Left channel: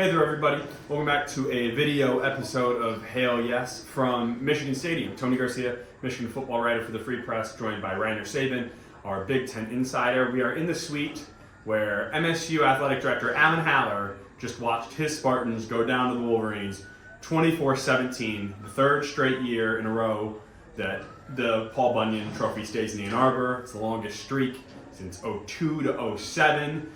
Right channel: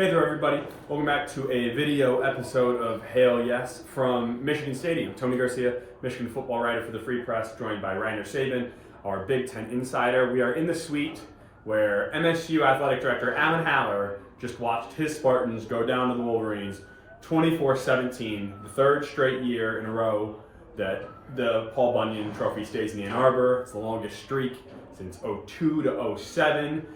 Hey there, everybody. Welcome back to a video episode of Hail Yes from Michigan Stadium. Tony Garcia, Michigan football writer for the Free Press, joined by Reiner Saban, our Big Ten insider. We are in the suite where MSU athletic director Alan Haller just watched his Spartans go down to the Wolverines 24-17, the third straight year in a row that the Paul Bunyan Trophy stays in Ann Arbor. It's the longest streak since 02 to 07.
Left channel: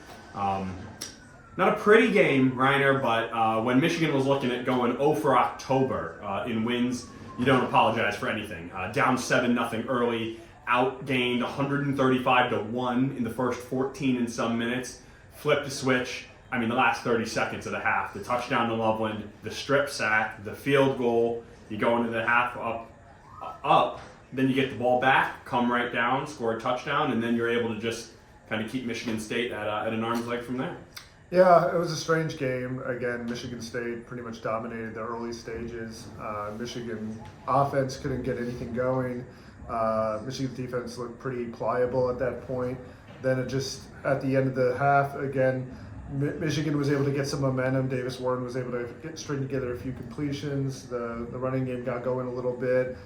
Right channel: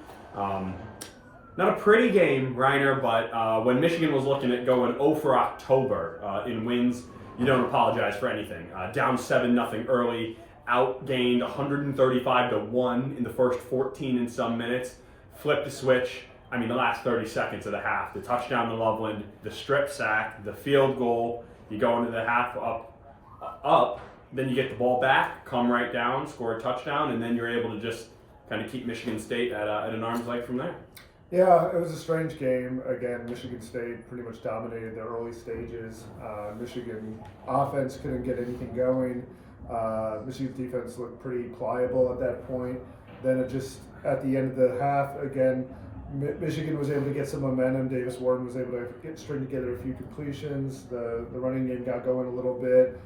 Not a pretty game, Reiner, but when Michigan was looking at going 0 for October in wins, you don't apologize for anything. Down 7-0 early, outgained 135-1 in the first 14 and some minutes, flipped the switch. I mean, the last 30 seconds of the half, the touchdown to Loveland, the strip sack, the field goal, you go into the half up, then you get the ball back, come right down, score a touchdown, and then you're able to just kind of keep Michigan State at an arm's length from there. Yeah, it was a strange game. Again, Michigan State pretty much dominated the early stages. Michigan offense couldn't get anything going. Michigan's defense looked pretty pliable at that point. Then it just, at the end of the half, again, Michigan was able to get some momentum. Davis Warren was able to string together a few completions. The running game got going a little bit.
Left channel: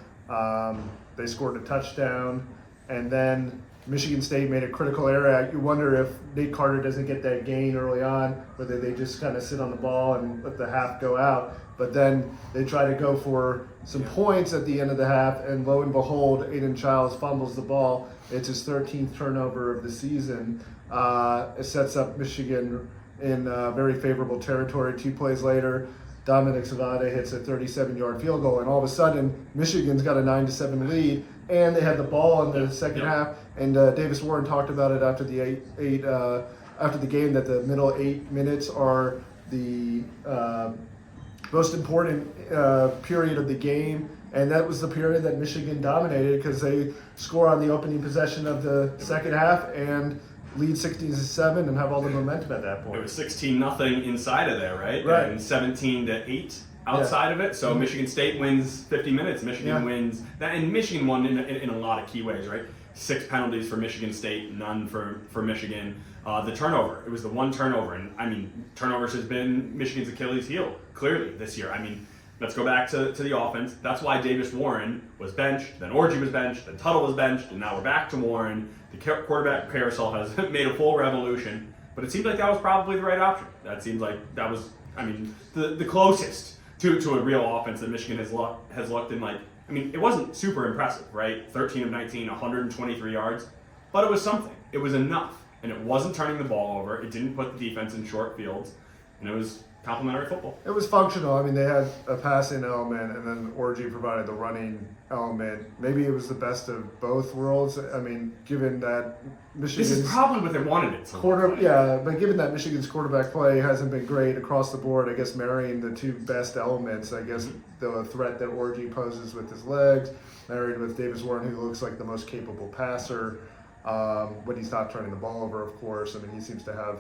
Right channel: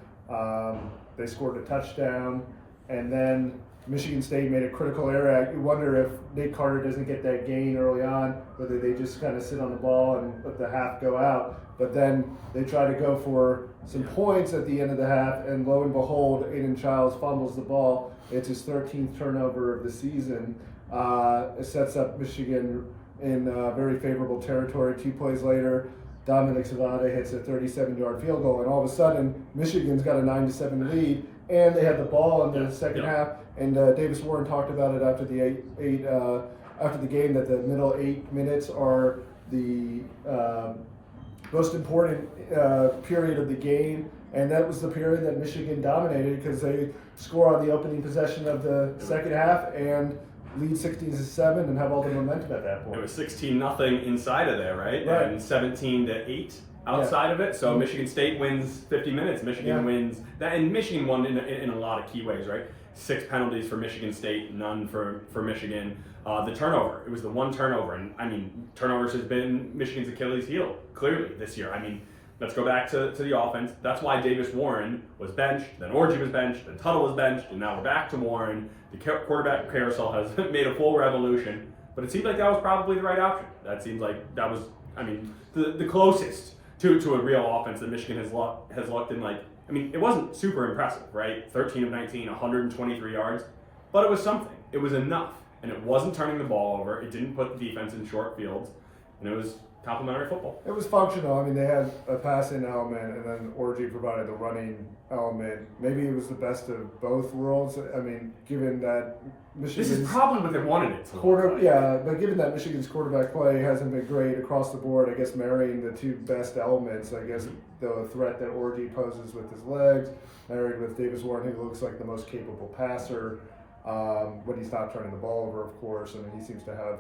They scored a touchdown. And then Michigan State made a critical error. You wonder if Nate Carter doesn't get that gain early on, whether they just kind of sit on the ball and let the half go out. But then they try to go for some points at the end of the half, and lo and behold, Aiden Childs fumbles the ball. It's his 13th turnover of the season. It sets up Michigan in very favorable territory. 2 plays later, Dominic Savada hits a 37-yard field goal, and all of a sudden, Michigan's got a 9-7 lead, and they had the ball in the second half. And Davis Warren talked about it after the after the game, that the middle 8 minutes are the most important period of the game, and that was the period that Michigan dominated because they score on the opening possession of the second half and lead 16-7 and have all the momentum at that point. It was 16-0 inside of there, right? And 17-8 outside of it. So Michigan State wins 50 minutes. Michigan wins that, and Michigan won in a lot of key ways, right? 6 penalties for Michigan State, none for Michigan. The turnover, it was the one turnover, and I mean, turnovers has been Michigan's Achilles heel clearly this year. I mean, let's go back to the offense. That's why Davis Warren was benched, then Orji was benched, then Tuttle was benched, and now we're back to Warren. The quarterback carousel has made a full revolution, but it seemed like that was probably the right option. That seems like that was, I mean, the closest to a real offense that Michigan has looked in. Like, I mean, it wasn't super impressive, right? 13 of 19, 123 yards, but it was something. It was enough, and it wasn't turning the ball over. It didn't put the defense in short fields, and it was complimentary football. It was functional. I mean, they had a passing element, and then Orji provided the running element. Maybe it was the best of both worlds. I mean, given that Michigan's... This is probably what they wanted it to. Yeah, but given that Michigan's quarterback play hasn't been great across the board, I guess marrying the 2 best elements, I guess the threat that Orji poses with his legs, married with Davis Warren, who looks like the most capable passer, when he's not turning the ball over, of course. I mean, he seems to have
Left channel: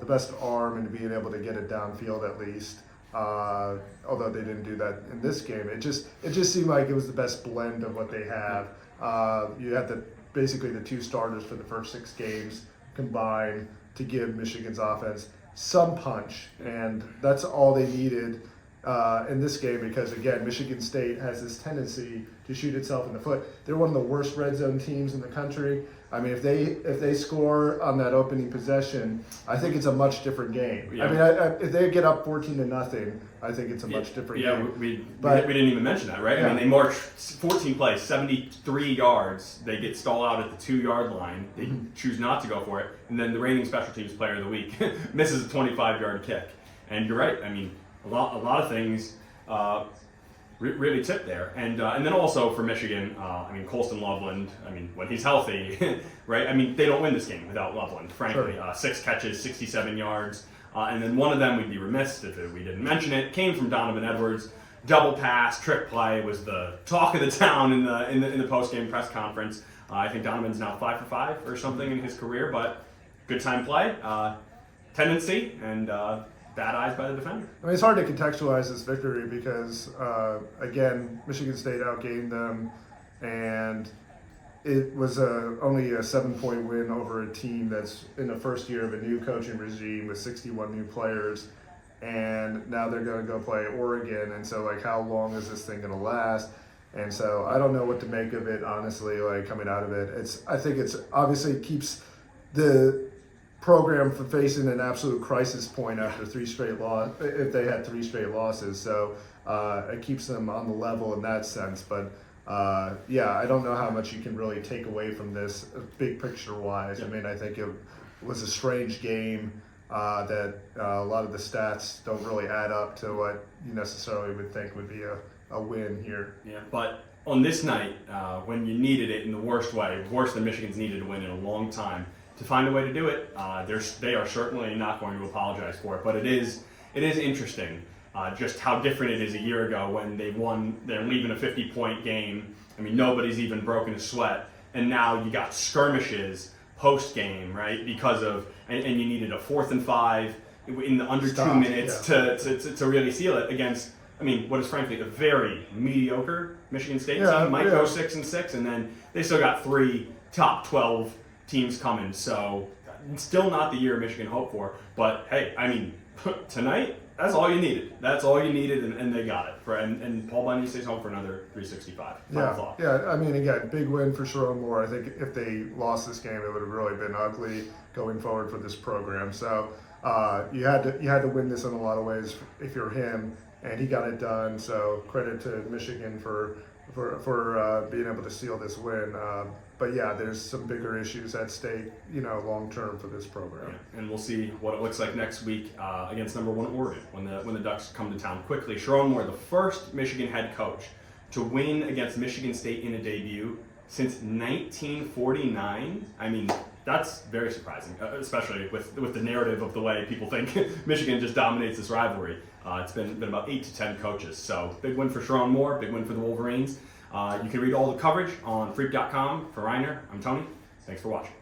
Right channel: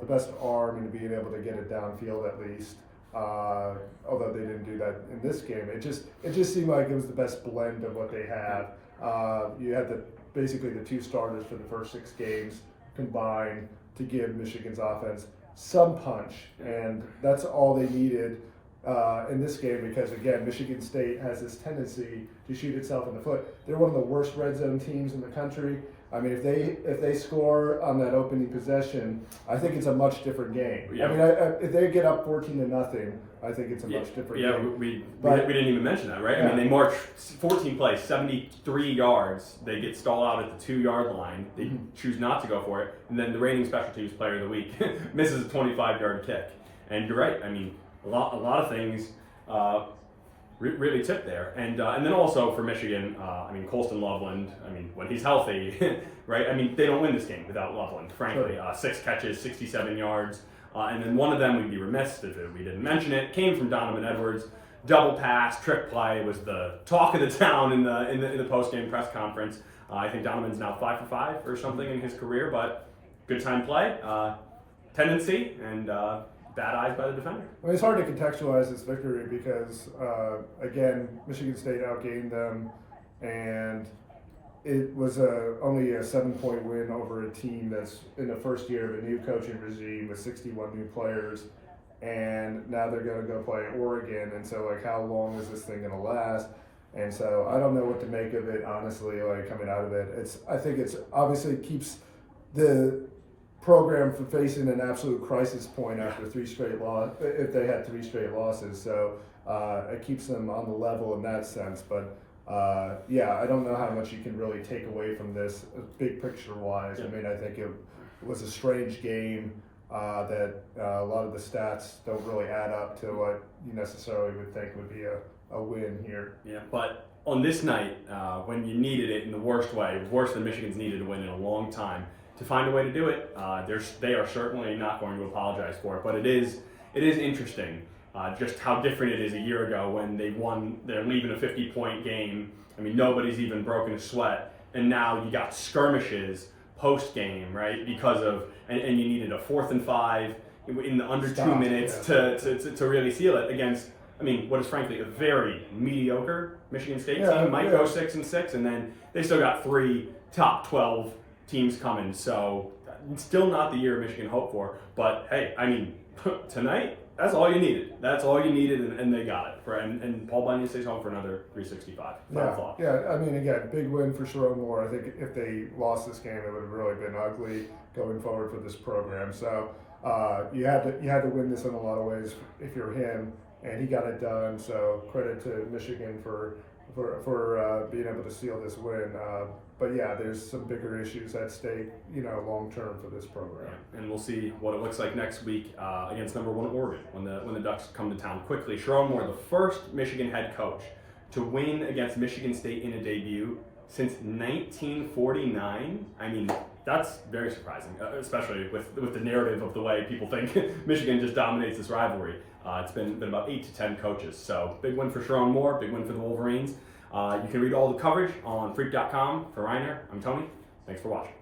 the best arm and being able to get it downfield at least. Although they didn't do that in this game, it just seemed like it was the best blend of what they have. You had basically the 2 starters for the first 6 games combined to give Michigan's offense some punch, and that's all they needed in this game, because again, Michigan State has this tendency to shoot itself in the foot. They're one of the worst red zone teams in the country. I mean, if they score on that opening possession, I think it's a much different game. Yeah. I mean, if they get up 14-0, I think it's a much different game. Yeah, we didn't even mention that, right? Yeah. I mean, they march 14 plays, 73 yards. They get stalled out at the 2-yard line. They choose not to go for it, and then the reigning special teams player of the week misses a 25-yard kick. And you're right. I mean, a lot of things really tipped there, and then also for Michigan, I mean, Colston Loveland. I mean, when he's healthy, right? I mean, they don't win this game without Loveland. Frankly, 6 catches, 67 yards, and then one of them, we'd be remiss if we didn't mention it, came from Donovan Edwards. Double pass, trick play was the talk of the town in the post game press conference. I think Donovan's now 5 for 5 or something in his career, but good time play, tendency, and bad eyes by the defender. I mean, it's hard to contextualize this victory because, again, Michigan State outgained them, and it was only a 7-point win over a team that's in the first year of a new coaching regime with 61 new players. and now they're going to go play Oregon. And so, like, how long is this thing going to last? And so I don't know what to make of it, honestly, like, coming out of it. I think it's obviously keeps the program from facing an absolute crisis point after if they had 3 straight losses. So it keeps them on the level in that sense. But yeah, I don't know how much you can really take away from this big picture wise. I mean, I think it was a strange game that a lot of the stats don't really add up to what you necessarily would think would be a win here. Yeah, but on this night, when you needed it in the worst way, worse than Michigan's needed to win in a long time, to find a way to do it, they are certainly not going to apologize for it. But it is interesting just how different it is a year ago when they're leaving a 50-point game. I mean, nobody's even broken a sweat, and now you got skirmishes post game, right? Because of and you needed a 4th and 5 in the under 2 minutes to really seal it against. I mean, what is frankly a very mediocre Michigan State team. Might go 6-6, and then they still got 3 top 12 teams coming. So still not the year Michigan hoped for. But hey, I mean, tonight, that's all you needed. That's all you needed, and they got it. And Paul Bunyan stays home for another 365. Final thought. Yeah. I mean, again, big win for Sharon Moore. I think if they lost this game, it would have really been ugly going forward for this program. So you had to win this in a lot of ways if you're him, and he got it done. So credit to Michigan for being able to seal this win. But yeah, there's some bigger issues at stake, long term for this program. Yeah. And we'll see what it looks like next week against number 1 Oregon when the Ducks come to town. Quickly, Sharon Moore, the first Michigan head coach to win against Michigan State in a debut since 1949. I mean, that's very surprising, especially with the narrative of the way people think Michigan just dominates this rivalry. It's been about 8 to 10 coaches. So big win for Sharon Moore, big win for the Wolverines. You can read all the coverage on freak.com. For Reiner, I'm Tony. Thanks for watching.